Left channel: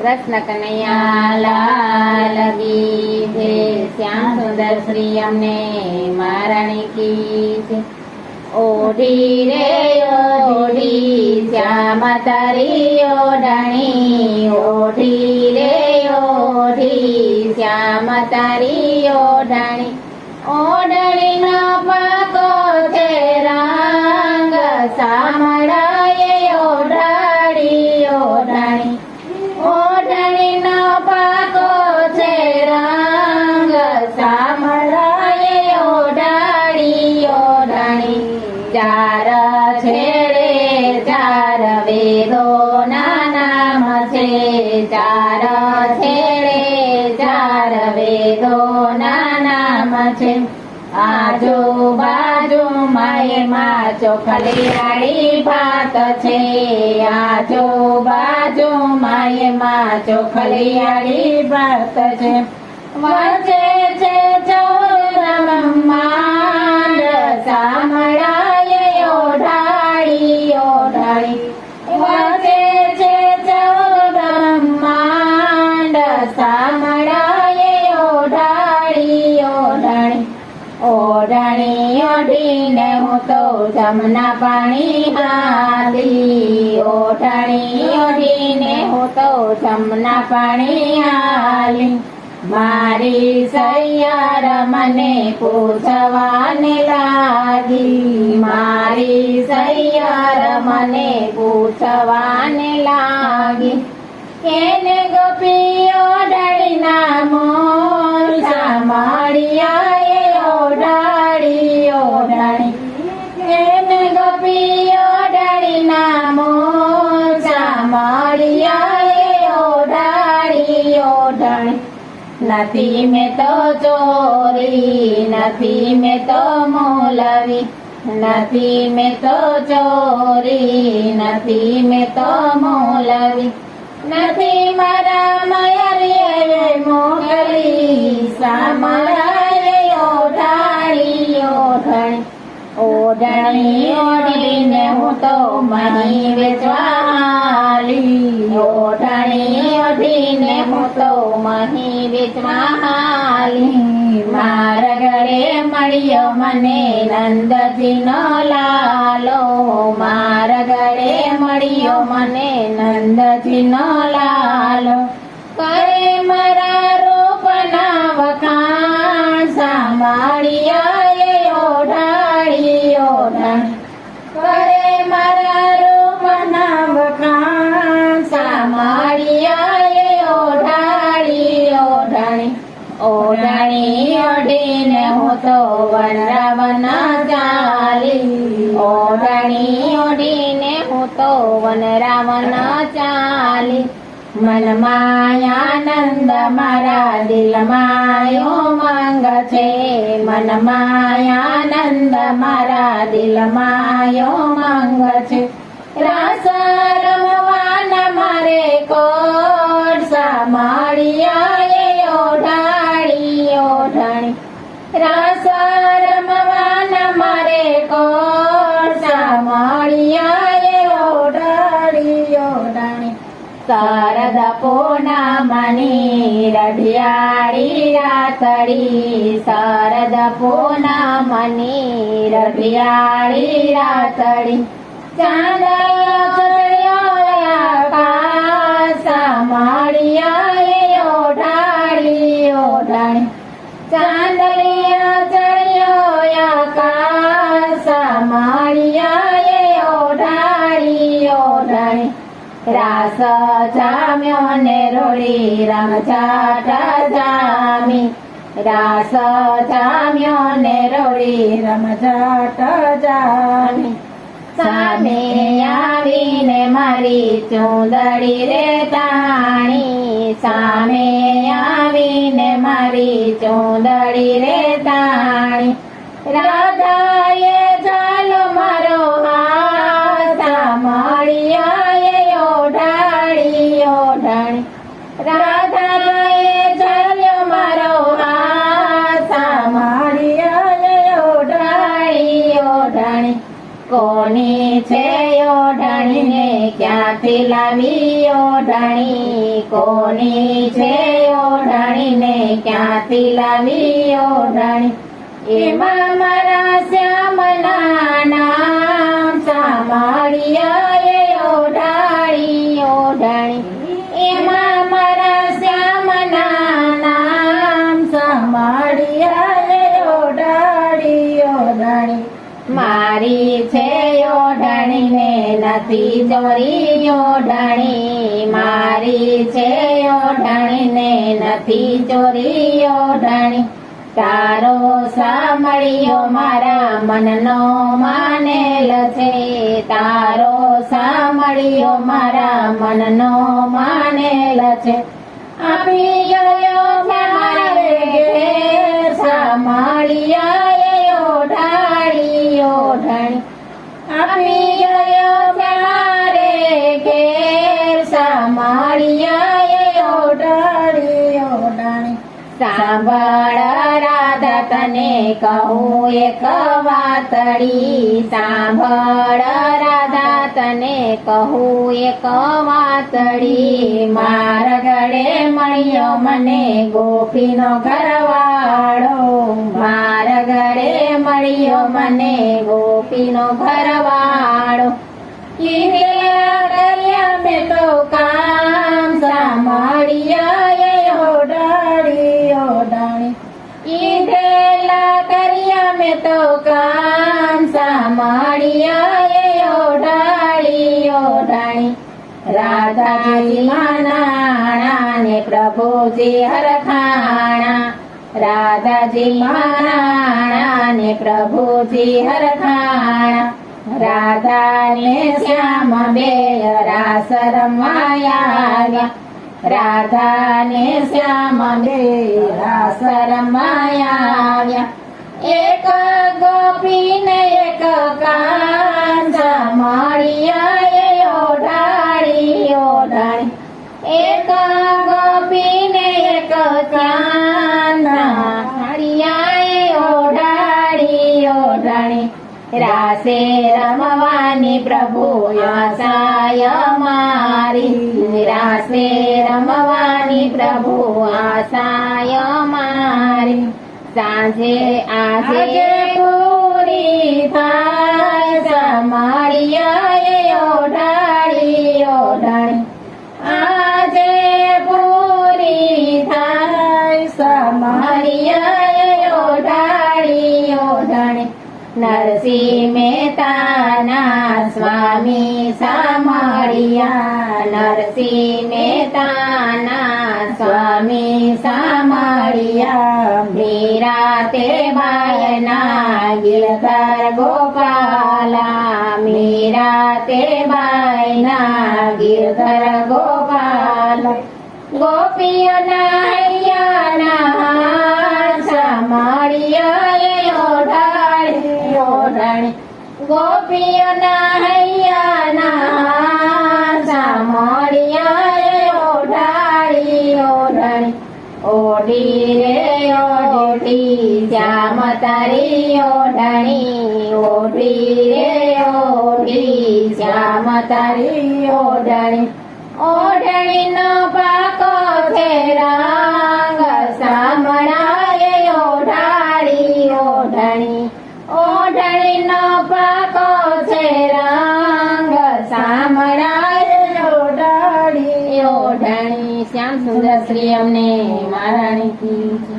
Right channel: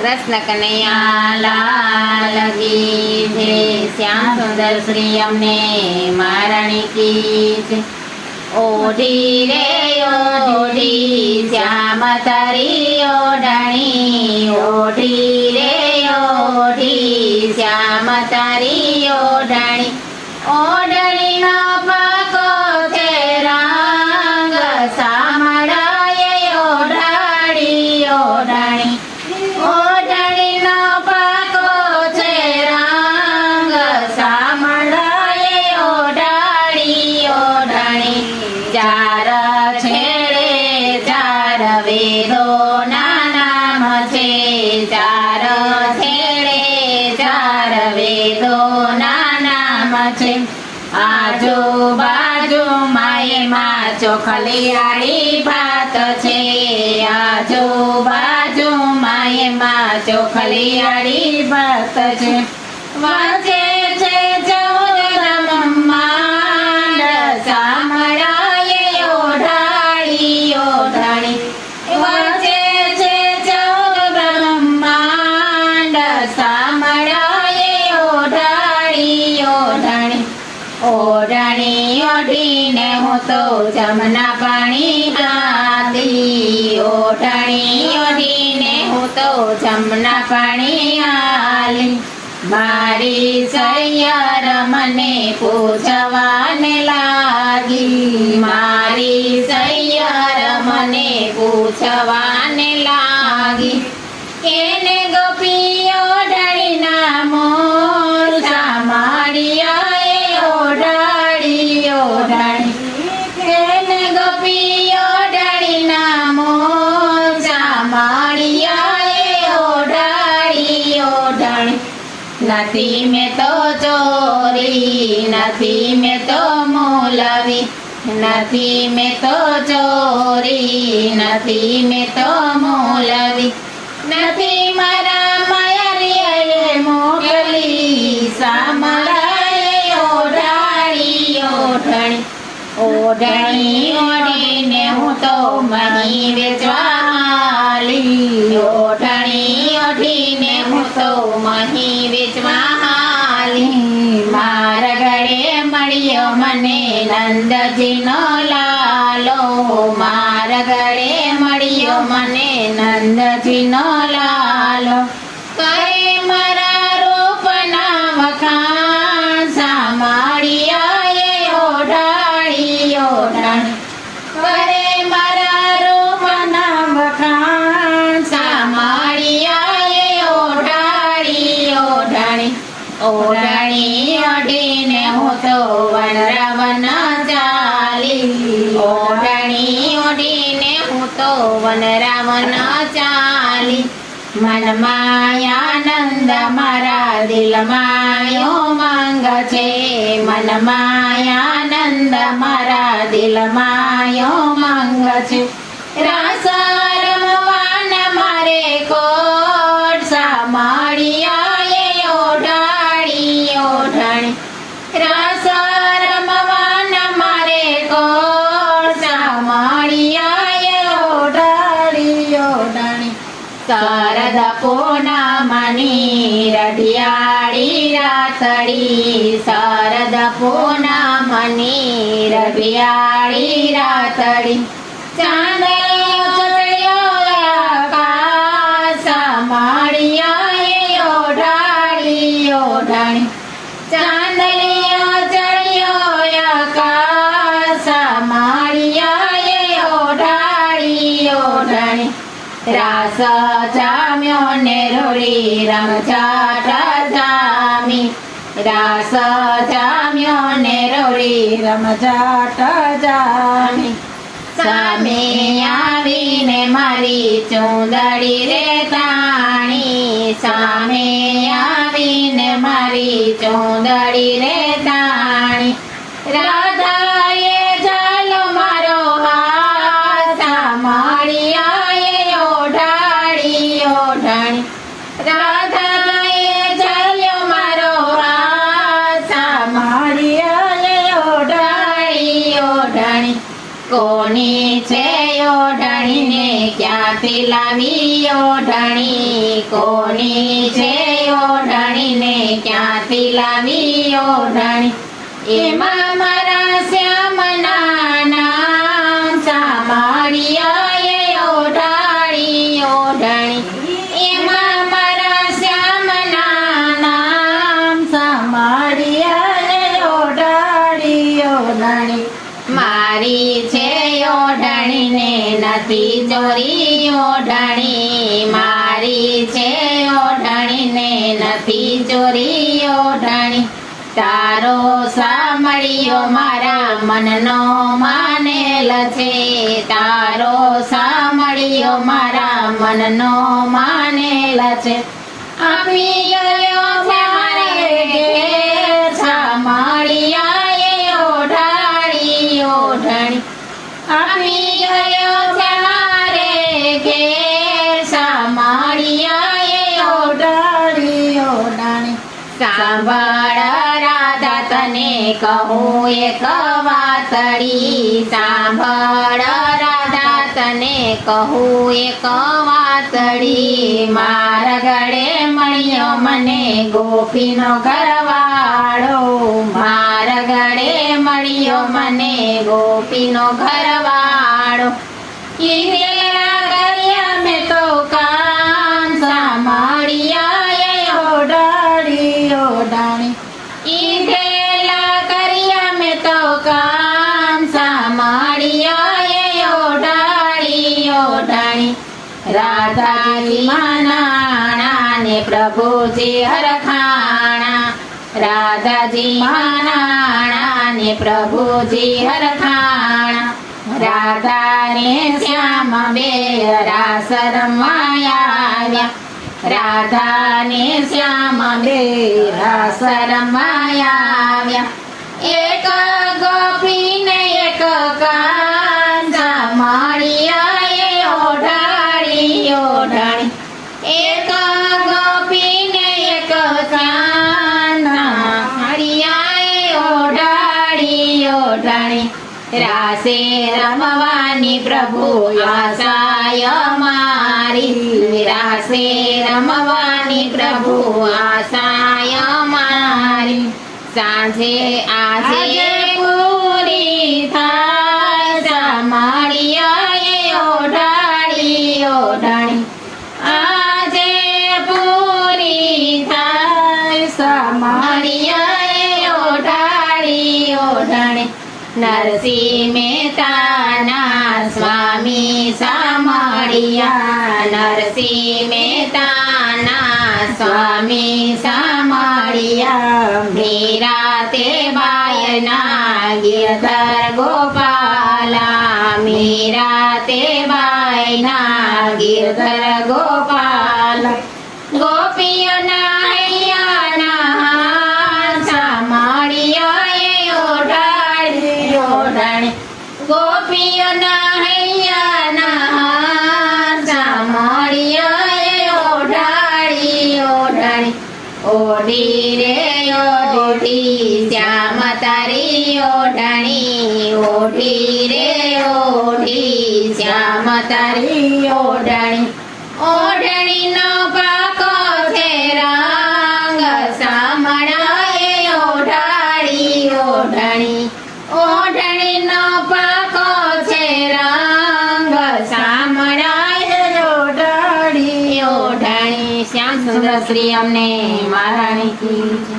કૃષ્ણ કનૈયા લાલ કી જય. શ્યામ સુંદર શ્રી અમને મહારાણી કી જય. ઓઢી રે ઓઢી શ્યામ તારી ઓઢણી, ઓઢી રે ઓઢી શ્યામ તારી ઓઢણી. ઓઢણીનો પાકો છે રંગ સામળાએ ઓઢાડી ઓઢણી. ઓઢણીનો પાકો છે રંગ સામળાએ ઓઢાડી ઓઢણી. ચાર છેડે ચાર વેદોના નામ છે, ચાર છેડે ચાર વેદોના નામ છે. આજુબાજુમાં એમાં ચોખલી રાડી ભાત છે, આજુબાજુમાં એમાં ચોખલી રાડી ભાત છે. વચ્ચે છે 14 બ્રહ્માંડ સામળાએ ઓઢાડી ઓઢણી. વચ્ચે છે 14 બ્રહ્માંડ સામળાએ ઓઢાડી ઓઢણી. ઓઢણી ઓઢીને હું તો જમના પાણી હાલી, ઓઢણી ઓઢીને હું તો જમના પાણી હાલી. મારી સૈયર મને પૂછવાને લાગી, મારી સૈયર મને પૂછવાને લાગી. કેને ગોપી ઓઢણીના મોર સામાળિયાએ ઓઢાડી ઓઢણી. કેને ગોપી ઓઢણીના મોર સામાળિયાએ ઓઢાડી ઓઢણી. નથી મેં તો ચોરી, નથી મેં તો મોલવી, નથી મેં તો ચોરી, નથી મેં તો મોલવી. નથી મારા માયારીએ મોકલી સામળાએ ઓઢાડી ઓઢણી. ઓઢણી ઓઢીને હું તો મહી વેચવા હાલી, ઓઢણી ઓઢીને હું તો મહી વેચવા હાલી. મારા ગળે મળ્યો મને નંદજીનો લાલો, મારા ગળે મળ્યો મને નંદજીનો લાલો. કરે મારા રૂપના વખાણ સામાળિયાએ ઓઢાડી ઓઢણી. કરે મારા રૂપના વખાણ સામાળિયાએ ઓઢાડી ઓઢણી. ઓઢણી ઓઢીને હું તો વનરાવન ચાલી, ઓઢણી ઓઢીને હું તો વનરાવન ચાલી. મનમાં આનંદ મારા દિલમાં ઉમંગ છે, મનમાં આનંદ મારા દિલમાં ઉમંગ છે. રસ રમવાના મારે કોટ સામાળિયાએ ઓઢાડી ઓઢણી. રસ રમવાના મારે કોટ સામાળિયાએ ઓઢાડી ઓઢણી. શારદ પૂનમની રઢિયાળી રાતડી, શારદ પૂનમની રઢિયાળી રાતડી. ચાંદલો ચડ્યો આકાશ સામાળિયાએ ઓઢાડી ઓઢણી. ચાંદલિયો ચડ્યો આકાશ સામાળિયાએ ઓઢાડી ઓઢણી. રાસ જામ્યો ને રોડી રમઝાટ જામી, રાસ જામ્યો ને રોડી રમઝાટ જામી. સામે આવીને મારી ચૂંદડી રે તાણી, સામે આવીને મારી ચૂંદડી રે તાણી. રાધાએ ઝાલો મારો હાથ સામાળિયાએ ઓઢાડી ઓઢણી. રાધાએ ઝાલ્યો મારો હાથ સામાળિયાએ ઓઢાડી ઓઢણી. કોની છે ઓઢણીને ક્યાં ક્યાંથી લાવી ઓઢણી, કોની છે ઓઢણી ને ક્યાંથી લાવી ઓઢણી, એમાં મારા શ્યામના નામ સાંભળ્યાએ ઓઢાડી ઓઢણી, એમાં મારા શ્યામના નામ સાંભળ્યાએ ઓઢાડી ઓઢણી, મારી છે ઓઢણી ને નથી ચોરી ઓઢણી, મારી છે ઓઢણી ને નથી ચોરી ઓઢણી, તારો સાંભળ્યો મારા મનનો માનેલ છે, તારો સાંભળ્યો મારા મનનો માનેલ છે, આપી ગયો મારે ઘેર સાંભળ્યાએ ઓઢાડી ઓઢણી, આપી ગયો મારે ઘેર સાંભળ્યાએ ઓઢાડી ઓઢણી, સાંભળ રાધા તને કહું એક વાતડી, સાંભળ રાધા તને કહું એક વાતડી, મારા ગળે મળ્યો મને ગોપીનો ઘરવાળો, મારા ગળે મળ્યો મને ગોપીનો ઘરવાળો, કીધેલા કર્યા મેં તો કામ સાંભળ્યાએ ઓઢાડી ઓઢાણી, કીધેલા કર્યા મેં તો કામ સાંભળ્યાએ ઓઢાડી ઓઢાણી, રાધાજી માનાણા ને પ્રભુજી હરખાણા, રાધાજી માનાણા ને પ્રભુજી હરખાણા, રાધા ને શ્યામ બે રાસ રમવા આવ્યા, રાધા ને શ્યામ બે રાસ રમવા આવ્યા, એક ગોપી ને એક કાંજા મળ્યાએ ઓઢાડી ઓઢાણી, એક ગોપી ને એક કાંજા મળ્યાએ ઓઢાડી ઓઢાણી, રાસે રમવાની પ્રભુ આશાય મારી, રાસે રમવાની પ્રભુ આશાય મારી, સાંજે આજે પૂરી થાય સાંભળ્યાએ ઓઢાડી ઓઢાણી, આજે પૂરી થાય સાંભળ્યાએ ઓઢાડી ઓઢાણી, નરસિંહ મહેતાના સ્વામી સાંભળ્યા, નરસિંહ મહેતાના સ્વામી સાંભળ્યા, મીરા તે બાયના ગિરધર ગોપાલા, મીરા તે બાયના ગિરધર ગોપાલા, ગોપીઓના હૈયાના સાંભળ્યાએ ઓઢાડી ઓઢાણી, ગોપીઓના હૈયાના સાંભળ્યાએ ઓઢાડી ઓઢાણી, ઓઢી રે ઓઢી શ્યામ તારી ઓઢાણી, ઓઢી રે ઓઢી શ્યામ તારી ઓઢાણી, ઓઢણીનો પાકો છે રંગ સાંભળાએ ઓઢાડી ઓઢાણી, ઓઢણીનો પાકો છે રંગ સાંભળાએ ઓઢાડી ઓઢાણી, શ્યામ સુંદર શ્રી અમને મહારાણી કી જય.